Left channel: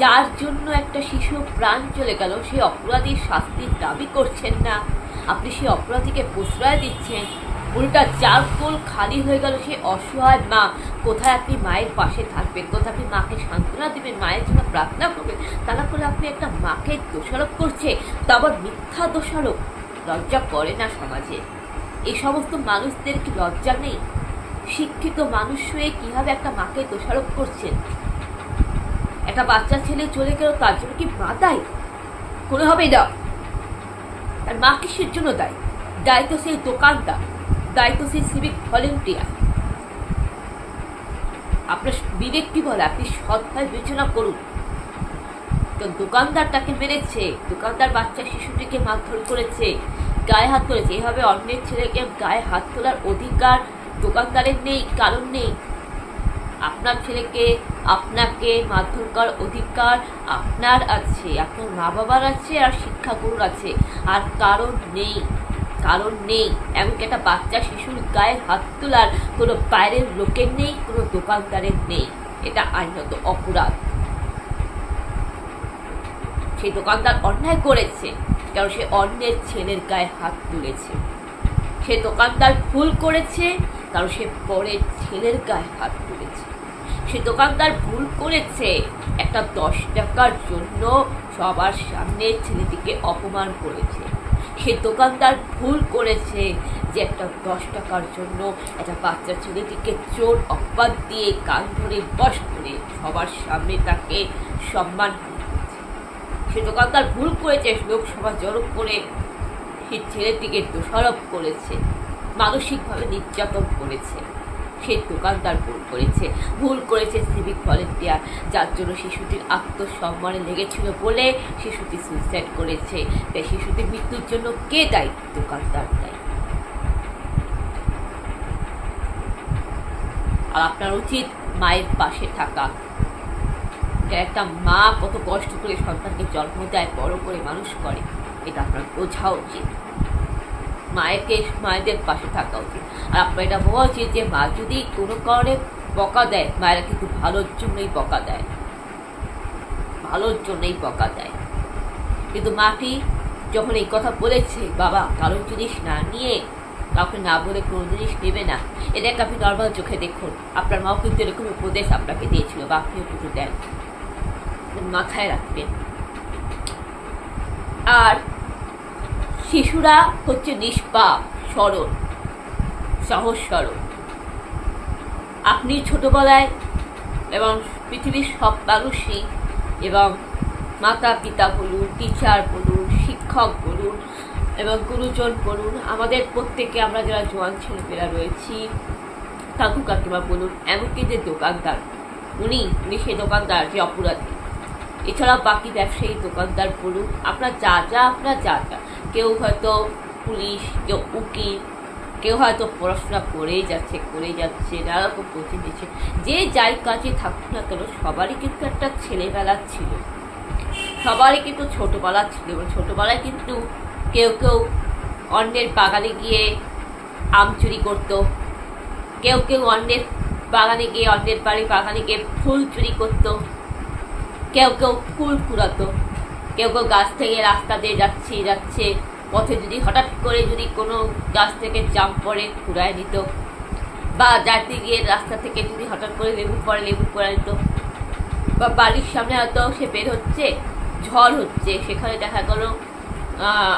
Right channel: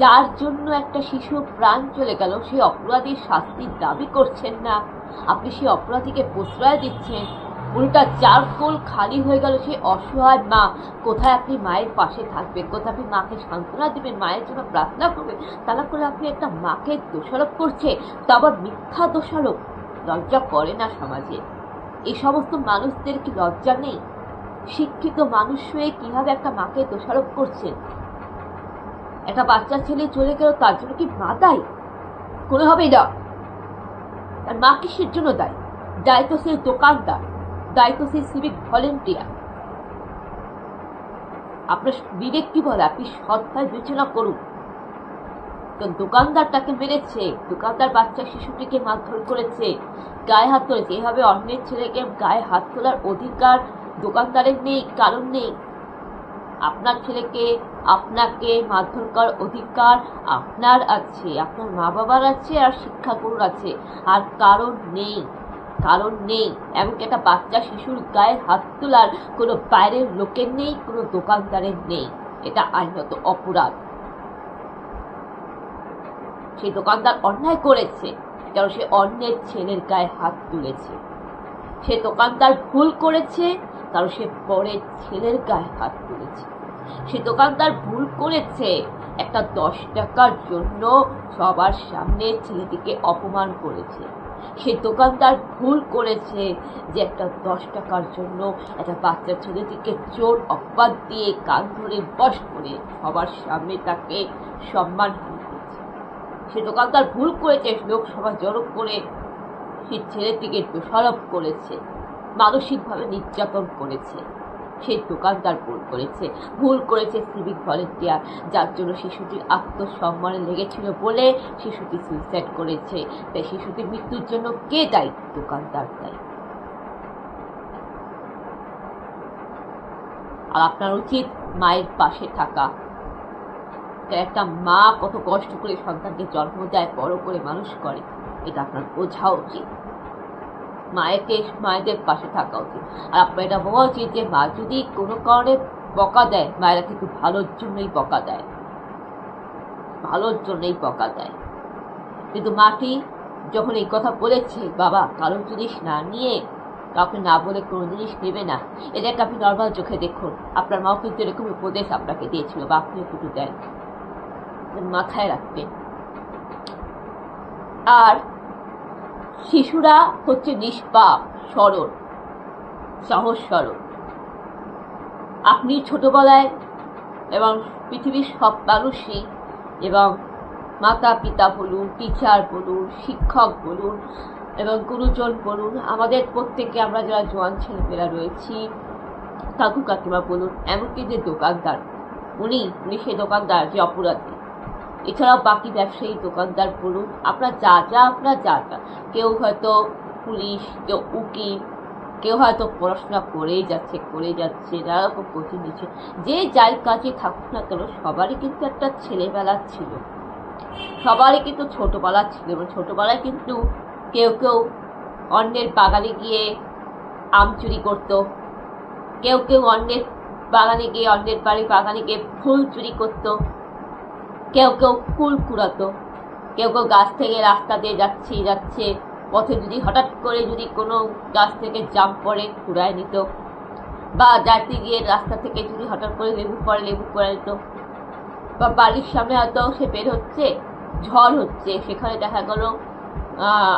যার জন্য একটা শিশু প্রাণ চলে গেল, সেই অপরাধীর শাস্তির দাবি করছেন না, আপনি সেই অপরাধীকে প্রশ্রয় দিচ্ছেন। উল্টা যার কোল খালি হয়ে গেল, সেই অসহায় মা, কোথায় আপনি মায়ের পাশে থাকবেন, কোথায় আপনি মাকে সান্ত্বনা দেবেন, মায়ের জন্য প্রার্থনা করবেন? তা না করে আপনি একটা মাকে দোষারোপ করছে, তা আবার মিথ্যা দোষারোপ। লজ্জা করে না সমাজে? এই সমস্ত মানুষদের কি লজ্জা নেই? শিক্ষিত মানুষ হয়ে কিভাবে একটা মাকে দোষারোপ করছেন? একটা বাচ্চা ছেলে চলে গেল, তার জন্য কি মা দায়ী? কোনোভাবেই না। আর মা কিসের জন্য দায়ী? দায়ী তো সেই দোকানদার, দায়ী তো সেই সিভিক ভলেন্টিয়ার। আপনার বিবেক কি বলে? আপনি সৎভাবে বিবেচনা করুন। তো দোকানদারটাকে মেরেছে, দোকানদার বাচ্চা শিশুটিকে মারধর করেছে, গায়ে হাত তুলেছে। এভাবে অন্যের ছেলেকে গায়ে হাত তোলার অধিকার দোকানদারের নেই, কারণ নেই। আপনার ছেলেকে, আপনাকে মারধর করার অধিকার আপনার আছে, আপনার মা বাবার আছে, আর শিক্ষাগুরুর আছে, আর কারণ নেই, কারণ নেই। এমনকি একটা বাচ্চা শিশুর গায়ে হাত তোলার কোনো বাইরের লোকের নেই, কোনো দোকানদারের নেই। এটা আইনত অপরাধ। সেই দোকানদার অন্যায় করেছে, কারণ সে অন্যের ছেলের গায়ে হাত তুলেছে। সে দোকানদার ভুল করেছে, কারণ সে পরের ছেলের গায়ে হাত তুলেছে। সে দোকানদার ভুল করেছে, একটা 10 টাকার জন্য সবার সামনে ছেলেটিকে অপমান করেছে। সে দোকানদার ভুল করেছে যে একটা 10 টাকার জন্য একটা বাচ্চা ছেলেটিকে চোর অপবাদ দিয়ে কান ধরে বশ করে সবার সামনে তাকে সম্মান করেছে। সে দোকানদার ভুল করেছে, লোকসভা জড়ো করে সেই ছেলেটিকে দোষারোপ করেছে, মানসিকভাবে নির্যাতন করেছে। সেই দোকানদার ভুল করেছে। ভুল করেছে সিভিক ভলেন্টিয়ার, যার জন্য শিশুটির আত্মসম্মানে লেগেছিল বলে শিশুটি সুইসাইড করেছে। তাই শিশুটির মৃত্যুর জন্য কে দায়ী? দোকানদার দায়ী। আর আপনার উচিত মায়ের পাশে থাকা। একটা মা কত কষ্ট করে সন্তানকে জন্ম দেয়, বড় করে মানুষ করে, এটা আপনার বোঝা উচিত। মায়েদের পাশে থাকা উচিত। আর আপনার এটা ভাবা উচিত যে মা যদি কোনো কারণে বকা দেয়, মায়েরা কিন্তু ভালোর জন্যই বকা দেয়, ভালোর জন্যই বকা দেয়। কিন্তু মাটি যখন এই কথা বলেছে, বাবা কারোর জিনিস না নিয়ে, কাউকে না বলে কোনো জিনিস নেবে না, এটাকে আপনি নর্মাল চোখে দেখুন। আপনার মাও কিন্তু এরকম উপদেশ আপনাকে দিয়েছিল, বা আপনিও কিন্তু দেন, মাথায় রাখবেন। আর শিশুরা হচ্ছে নিষ্পাপ, সরল, সহজ সরল। আপনি ছোটবেলায় এবং পৃথিবীর সব মানুষই, এবং মাতা পিতা বলুন, টিচার বলুন, শিক্ষক বলুন এবং গুরুজন বলুন, আমাদের প্রত্যেকে, আমরা যারা জোয়ান ছেলেমেয়েরা রয়েছি, কাকু কাকিমা বলুন, এমনকি যে দোকানদার, উনি সেই দোকানদার যে অপরাধী, এছাড়াও বাকি ব্যবসায়ী দোকানদার বলুন, আপনারা যা কেউ হয়তো পুলিশ, কেউ উকিল, কেউ হয়তো পড়াশোনা করেই যাচ্ছে, নানা রকম কোচিং দিচ্ছে, যে যাই কাজে থাকুক না কেন, সবারই কিন্তু একটা ছেলেবেলা ছিল, সবারই কিন্তু ছোটোবেলা ছিল। এবং ছোটোবেলায় কিন্তু কেউ অন্যের বাগানে গিয়ে আম চুরি করতো, কেউ অন্যের বাগানে গিয়ে, অন্যের বাড়ির বাগানে গিয়ে ফুল চুরি করতো, কেউ ফুল কুড়াতো, কেউ গাছ থেকে রাস্তা দিয়ে যাচ্ছে পথে যদি হঠাৎ করে যদি কোনো গাছ থেকে জাম পড়ে কুড়ায় নিত, বা যাতে গিয়ে রাস্তা থেকে যদি হঠাৎ করে লেবু কুড়ায় নিত, বা বাড়ির সামনে হয়তো সে বের হচ্ছে, ঝড় হচ্ছে, সেখানে দেখা গেল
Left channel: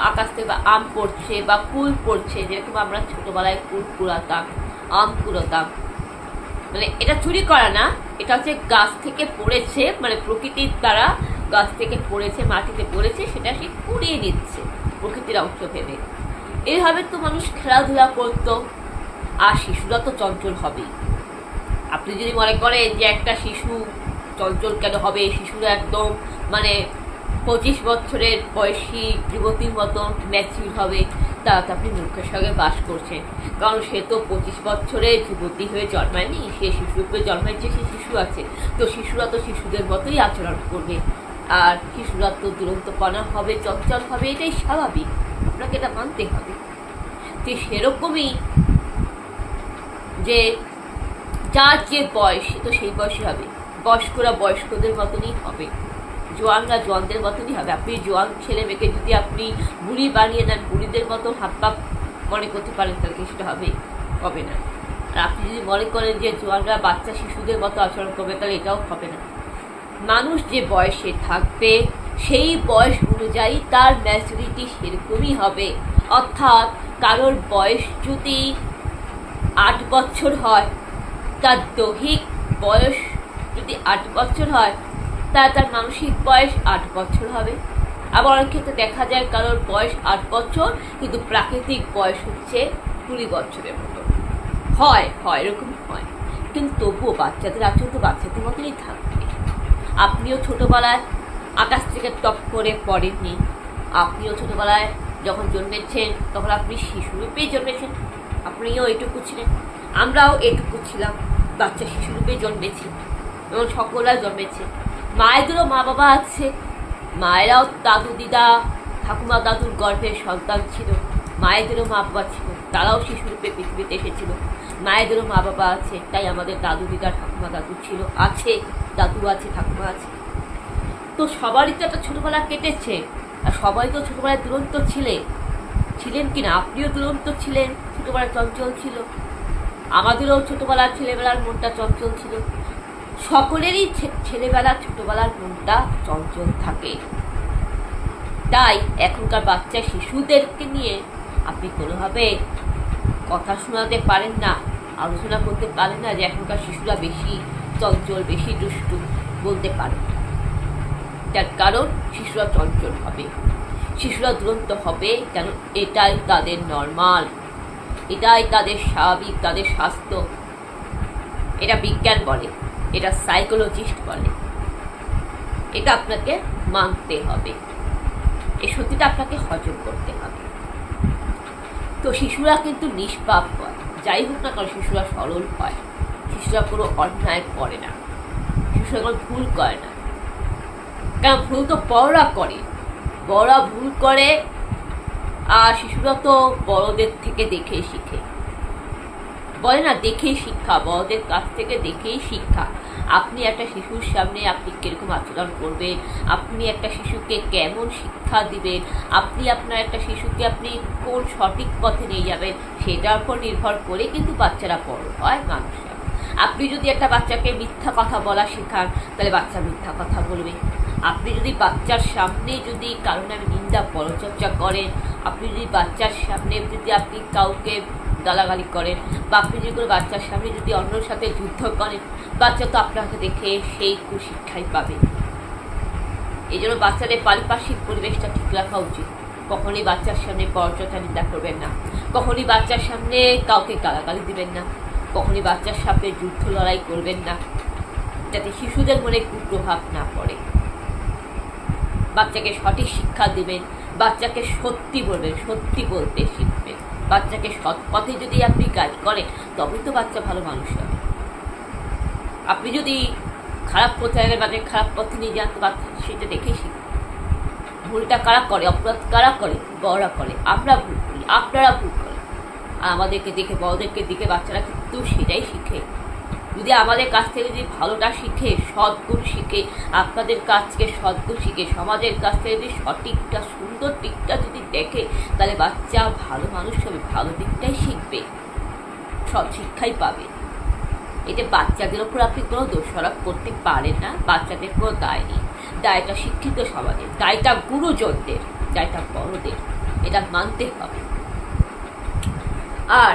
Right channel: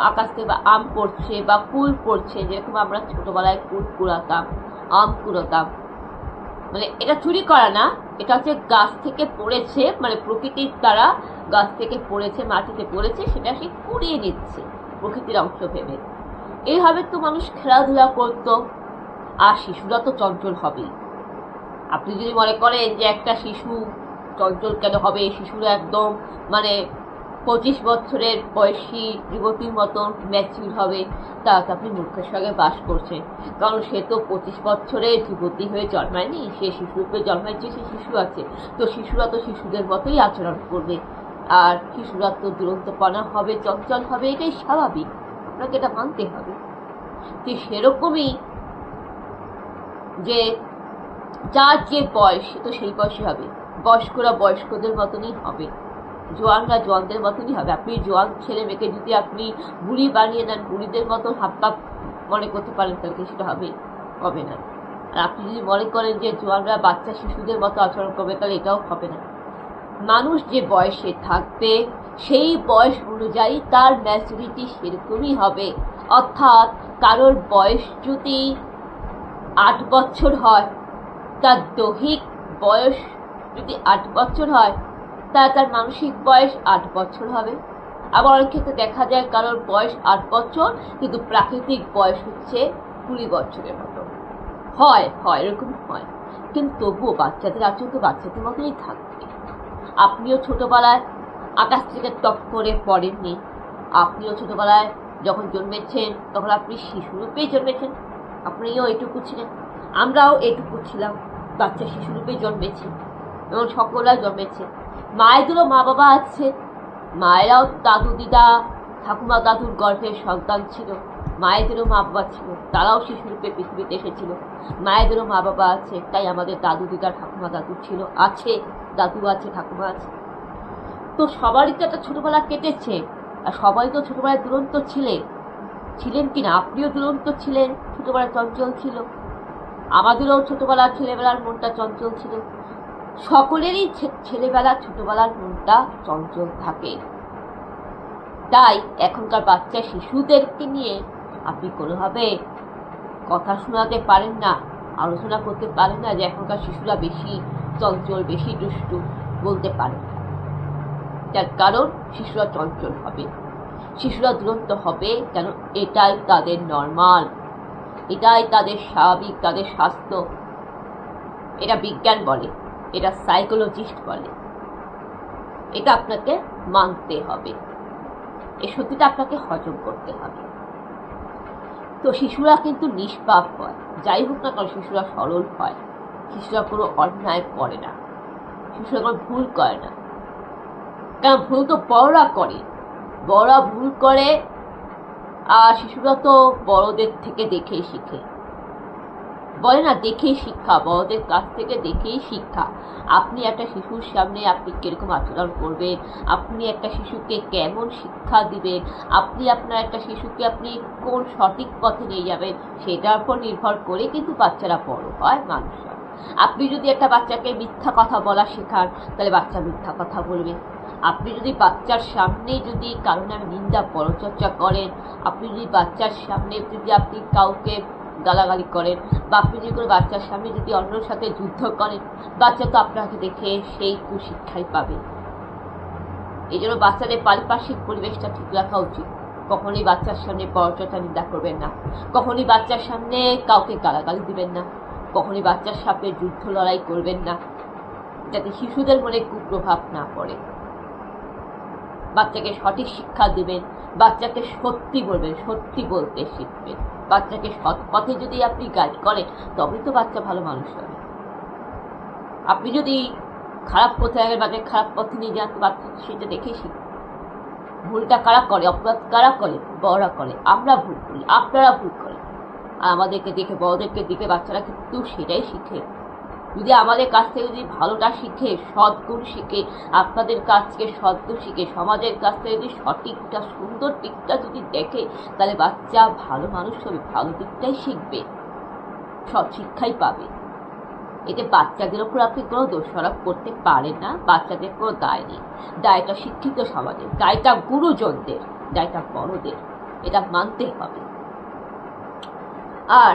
আকাশ থেকে আম পড়ছে বা কুল পড়ছে, যেরকম আমরা ছোটবেলায় কুল কুড়াতাম, আম কুড়াতাম। মানে এটা চুরি করা না, এটা হচ্ছে গাছ থেকে পড়েছে, মানে প্রকৃতির দ্বারা গাছ থেকে পড়েছে, মাটিতে পড়েছে, সেটা সে কুড়িয়ে নিচ্ছে প্রকৃতির অংশ ভেবে। এইভাবে তো মানুষ খেলাধুলা করতো। আর শিশুরা তো চঞ্চল হবেই। আপনি যদি মনে করেন যে একটা শিশু চঞ্চল কেন হবে, শিশুরা একদম মানে 25 বছরের বয়সী যুবতীর মতন ম্যাচিউর হবে, তা তো আপনি মূর্খের সঙ্গে বাস করছেন। কারণ সে তো 25 বছরের যুবতী হয়ে জন্মায়নি, সে শিশুরূপে জন্মাইছে, সে শিশু আছে। তো শিশুরা তো শিশুদের মতোই আচরণ করবে, আর শিশুরা তো দুরন্তপনা হবে, চঞ্চল হবে, এটাই স্বাভাবিক, আপনাকে এটা মানতে হবে। যে সেরকমই যে যার যে বয়স, তো সেই বয়সই হবে, বয়স্করা বয়স্কদের মতনই হবে, জোয়ানরা জোয়ানদের মতনই হবে। আপনি জোয়ান ছেলে মেয়েকে যদি আপনি বুড়ি বানিয়ে দেন, বুড়িদের মতো হাত পা মনে করতে পারেন, তাহলে কি সেটা হবে না। আর আপনি যদি মনে করেন যে জোয়ানরা বাচ্চা শিশুদের মতো আচরণ করবে, তাহলে এটাও হবে না। মানুষ যে বয়সে থাকবে সেই বয়স অনুযায়ী তার ম্যাচুরিটি সেরকমই হবে। অর্থাৎ কারোর বয়স যদি 8 বছর হয়, তার দৈহিক বয়স যদি 8 বছর হয়, তার মানসিক বয়স 8 বছর হবে। আবার অনেক ক্ষেত্রে দেখা যায় কারোর বয়স 8 বছর কিন্তু প্রাকৃতিক বয়স হচ্ছে 20 বছরের মতো হয়, এরকম হয়। কিন্তু তবুও বাচ্চাদের আচরণ তো বাচ্চাদের মতনই থাকবে। আপনিও ছোটবেলায় আকাশ থেকে টপ করে পড়েননি। আপনিও ছোটবেলায় যখন জন্মেছেন তখন আপনি শিশুরূপেই জন্মেছেন, আপনিও এটুকু ছিলেন, আমরাও এটুকু ছিলাম, বাচ্চা শিশুরূপে জন্মেছি এবং সকলেই জন্মেছে। মায়েদেরও মা বাবা আছে, মায়েরাও দাদু দিদা ঠাকুমা দাদুর গর্ভের সন্তান ছিল, মায়েদেরও মা বাবা ছিল, তারাও শিশুরূপে পৃথিবীতে এসেছিল। মায়েদেরও মা বাবা আছে, তাই আমাদের দাদু দিদা ঠাকুমা দাদু ছিল, আছে, দাদু আছে, ঠাকুমা আছে। তো সবারই তো একটা ছোটবেলা কেটেছে, আর সবাই তো ছোটবেলায় দুরন্ত ছিলেন কিনা। আপনিও দুরন্ত ছিলেন, ছোটবেলায় চঞ্চল ছিল, আমাদেরও ছোটবেলার ছেলেবেলার মনটা চঞ্চল ছিল। সকলেরই ছোটবেলার মনটা চঞ্চল থাকে। তাই এখনকার বাচ্চা শিশুদেরকে নিয়ে আপনি কোনোভাবে কথা শোনাতে পারেন না, আলোচনা করতে পারেন না যে এখনকার শিশুরা বেশি চঞ্চল, বেশি দুষ্টু, বলতে পারেন না। তার কারণ শিশুরা চঞ্চল হবে, শিশুরা দুরন্ত হবে, কেন এটাই তাদের নর্মাল, এটাই তাদের স্বাভাবিক, তাদের স্বাস্থ্য। এটা বিজ্ঞান বলে, এটা সাইকোলজিস্ট বলে, এটা আপনাকে মানতে হবে, এই সত্যিটা আপনাকে হজম করতে হবে। তো শিশুরা কিন্তু নিষ্পাপ হয়, যাই হোক না কারণ শিশুরা সরল হয়, শিশুরা কোনো অন্যায় করে না, শিশুরা কোনো ভুল করে না। কারণ ভুল তো বড়রা করে, বড়রা ভুল করে, আর শিশুরা তো বড়দের থেকে দেখেই শিখে। বলে না দেখেই শিক্ষা, বড়দের কাছ থেকে দেখেই শিক্ষা। আপনি একটা শিশুর সামনে আপনি কিরকম আচরণ করবেন, আপনি একটা শিশুকে কেমন শিক্ষা দিবেন, আপনি আপনার একটা শিশুকে আপনি কোন সঠিক পথে নিয়ে যাবেন, সেটার উপর নির্ভর করে কিন্তু বাচ্চারা বড় হয়, মানুষ হয়। আপনি যদি একটা বাচ্চাকে মিথ্যা কথা বলা শেখান, তাহলে বাচ্চা মিথ্যা কথা বলবে। আপনি যদি বাচ্চার সামনে যদি কারো নামে নিন্দা পরচর্চা করেন, আপনি যদি বাচ্চার সামনে যদি আপনি কাউকে গালাগালি করেন, বা আপনি যদি কোনো বাচ্চার সামনে যদি অন্যর সাথে যুদ্ধ করেন, বাচ্চা তো আপনাকে দেখে সেই কুশিক্ষাই পাবে। এই জন্য বাচ্চাদের পারিপার্শ্বিক পরিবেশটা ঠিক রাখা উচিত। কখনই বাচ্চার সামনে পরচর্চা নিন্দা করবেন না, কখনই বাচ্চার সামনে কাউকে গালাগালি দিবেন না, কখনই বাচ্চার সামনে যুদ্ধ লড়াই করবেন না, যাতে শিশুদের মনে কুপ্রভাব না পড়ে। বাচ্চাকে সঠিক শিক্ষা দিবেন, বাচ্চাকে সত্যি বলবেন, সত্যি বলতে শিখবেন। বাচ্চাকে সৎ পথে যদি আপনি গাইড করেন, তবেই তো বাচ্চা ভালো মানুষ হবে। আপনি যদি খারাপ পথে আগে বাচ্চাকে খারাপ পথে নিয়ে যান, তো বাচ্চা সেটা দেখেই শিখবে। ভুলটা কারা করে, অপরাধ কারা করে, বড়রা করে। আমরা ভুল করি, আপনারা ভুল করেন, আর আমাদেরকে দেখে, বড়দেরকে দেখে বাচ্চারা কিন্তু সেটাই শিখে। যদি আমাদের কাছ থেকে যদি ভালোটা শিখে, সদ্গুণ শিখে, আপনাদের কাছ থেকে সদ্গুণ শিখে, সমাজের কাছ থেকে যদি সঠিকটা সুন্দর দিকটা যদি দেখে, তাহলে বাচ্চা ভালো মানুষ হবে, ভালো দিকটাই শিখবে, সৎ শিক্ষাই পাবে। এতে বাচ্চাদের ওপর আপনি কোনো দোষারোপ করতে পারেন না, বাচ্চাদের কোনো দায় নেই। দায়টা শিক্ষিত সমাজের, দায়টা গুরুজনদের, দায়টা বড়দের, এটা মানতে হবে। আর